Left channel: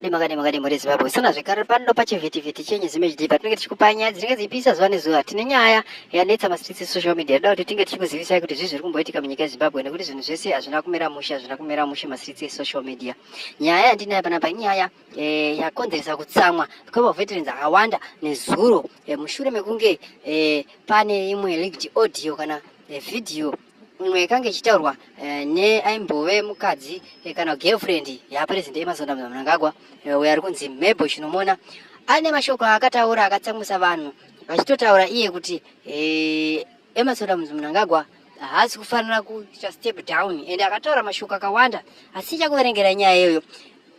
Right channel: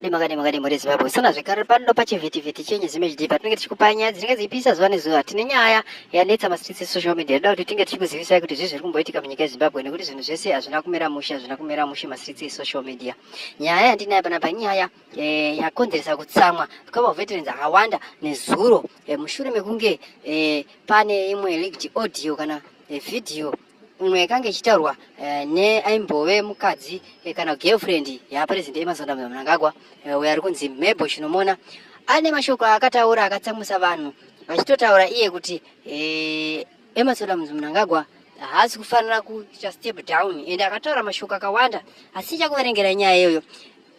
Magari muri Zimbabwe sana zvekare pano pachivhitivhiti chenye zimechidipa tinenge tichikupa nyaya dzinenge dzichipisa zuva nezuva. Tine nyaya yanetsa masitritsi social media, toda kuti tinge tichikuzivisai kuti zvii zviri kumboitika munyika yeZimbabwe nekuti zvinhu zvese hazvina kumira mushe masitritsi esocial media. Nyaya yandinayo panapa inyaya yakonzeresa kutsamwa kwamavheterans akawanda nezuro mushure mekunge pane imwe leaked audio kana video umwe yakanga ichitaurwa neaimbove mukadzi kana girlfriend yapresident Emmerson Mnangagwa uyo ari kunzi Mabel Chinomona. Ane mashoko akataura akatsamwisa vanhu vachitotaura iye kuti Emmerson Mnangagwa haasi kufanira kuita step down, ende akataura mashoko akawanda asi chakuverengera nyaya iyoyo.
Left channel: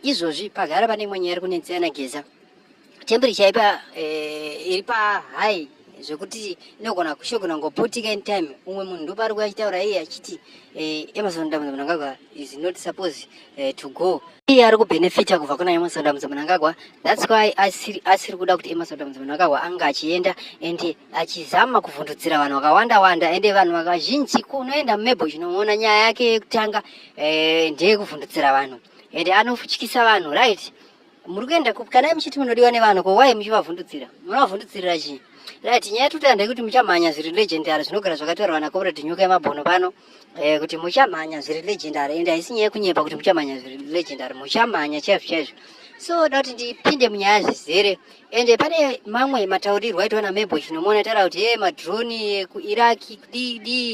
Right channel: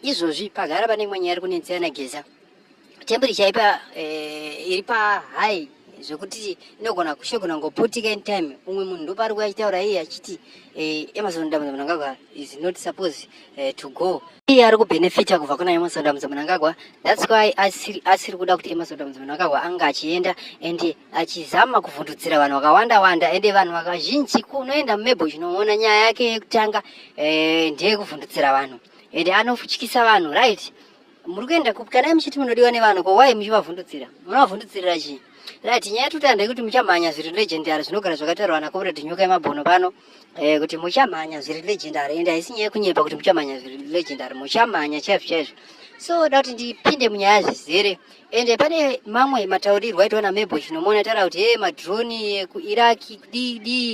Izvozvi pagara pane imwe nyaya iri kunetsana Geza, temperature iri pahigh zvekuti inogona kushogona ngopotika in time. Umwe munhu ndopari kuachitaura iye achiti Emmerson Mnangagwa is not supposed to go. Iye ari kubenefita kubva kuna Emmerson Mnangagwa. That's why asiri kuda kuti Emmerson Mnangagwa anga achienda ende achizama kuvhundutsira vanhu vakawanda ende vanhu vakazhinji kunoenda Mabel Chinomona nyaya yake yekutanga ndeye kuvhundutsira vanhu ende anofutyisa vanhu, right? Muri kuenda kana muchiti munodiwa nevanhu ko why muchivavhundutsira? Munavhundutsirira chii? Right, nyaya tutande kuti muchamhanya zviri legendary zvinogara zvakataurwa naComrade Nyoka Yemabhono pano kuti muchamhanya zviri legendary ende haisi nyaya yekunyepa kuti muchamhanya zviri legendary, muchamhanya chaizvo. So da kuti ndipinde munyaya zvizere ende pane mamwe mataurirwo aitwa naMabel Chinomona taura kuti madroni ekuIraq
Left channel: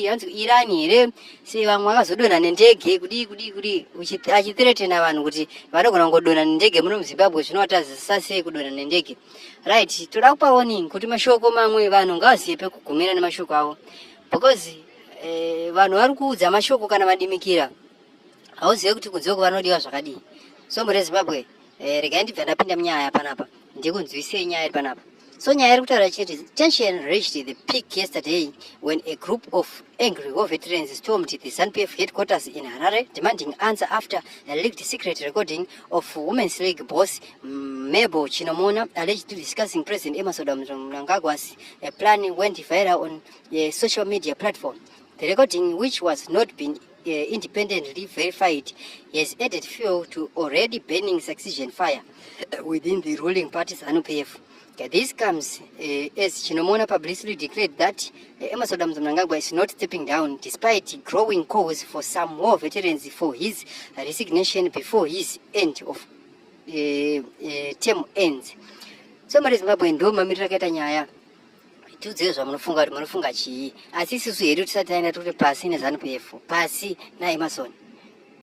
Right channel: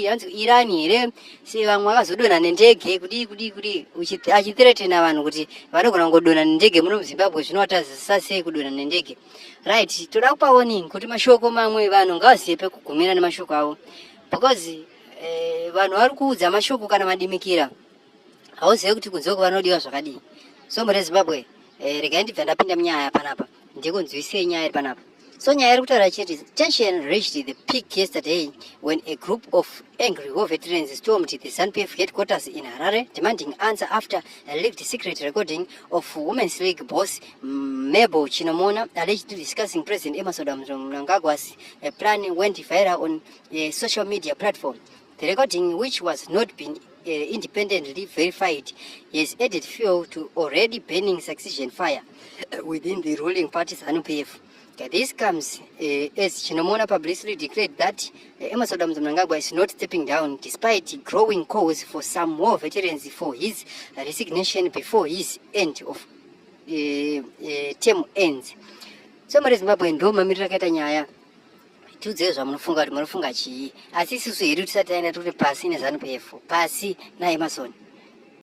hanzi Iran here se vamwe vakazodonha nendege kudi achithiretena vanhu kuti vanogona kungodonha nendege muno muZimbabwe zvinowatazisa sei kudonha nendege. Right, toda kupa warning kuti mashoko mamwe vanhu ngavazive pekugumira nemashoko avo because vanhu vari kuudza mashoko kana madimikira hauzive kuti kunzoko vanodiwa zvakadii. So muri Zimbabwe regai ndibva ndapinda munyaya panapa ndikunzwisei nyaya iri panapa. So nyaya iri kutaura chete tension reached the peak yesterday when a group of angry war veterans stormed the ZANU-PF headquarters in Harare demanding answer after a leaked secret recording of Women's League boss Mabel Chinomona allegedly discussing President Emmerson Mnangagwa's plan went viral on a social media platform. The recording, which was not been independently verified, has added fuel to already burning succession fire within the ruling party ZANU-PF. This comes as Chinomona publicly declared that Emmerson Mnangagwa is not stepping down despite growing calls for some war veterans for his resignation before his end of term ends. So muri Zimbabwe ndo mamirira akaita nyaya tiudziwe zvamunofunga kuti munofunga chii, asi isusu hedu tisati taenda turi pasi neZANU-PF pasi naEmmerson.